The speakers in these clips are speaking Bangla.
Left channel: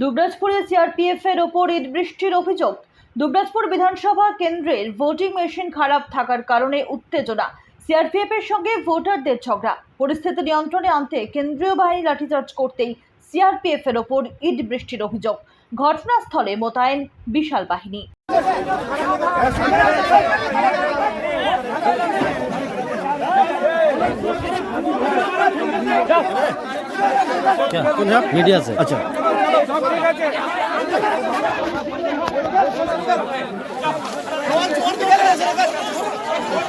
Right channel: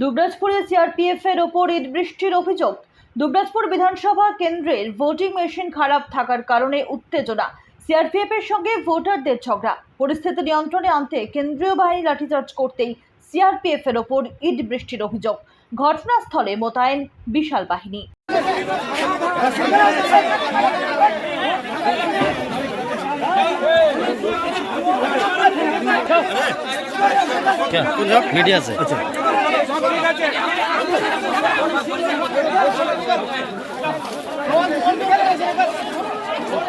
দুবরাজপুরে সিআরপিএফ এর ওপর ইট বৃষ্টির অভিযোগ। দুবরাজপুর বিধানসভা কেন্দ্রের ভোটিং মেশিন খারাপ থাকার কারণে উত্তেজনা। সিআরপিএফ এর সঙ্গে ভোটারদের ঝগড়া। পরিস্থিতি নিয়ন্ত্রণে আনতে কেন্দ্রীয় বাহিনী লাঠিচার্জ করতেই সিআরপিএফ এর ওপর ইট বৃষ্টির অভিযোগ। ঘটনাস্থলে মোতায়েন বিশাল বাহিনী। क्या मीडिया से? अच्छा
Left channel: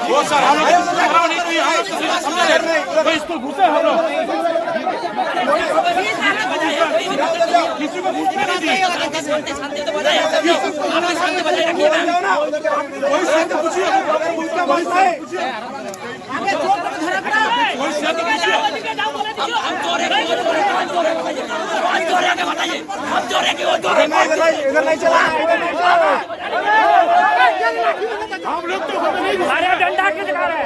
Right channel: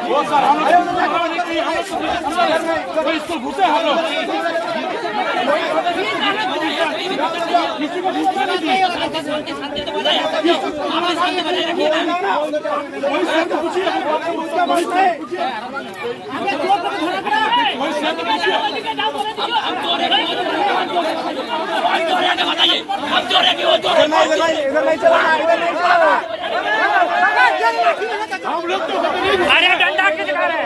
वो सर हम लोग समझा रहे कोई स्कूल घुसे हम लोग किसी को घुसने नहीं दिए कोई शांति पूछिए कोई शांति पूछिए हम लोग तो अरे डंडा के दिखा रहे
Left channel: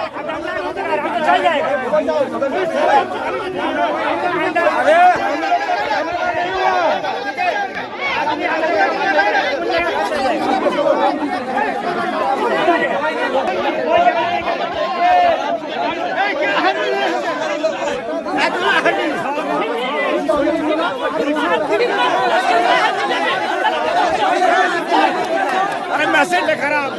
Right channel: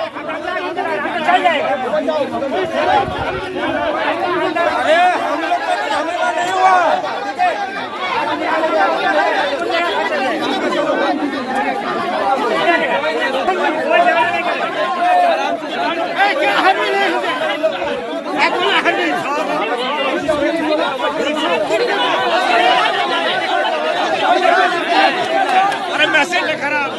चल जाएगा अरे मैसेज खराब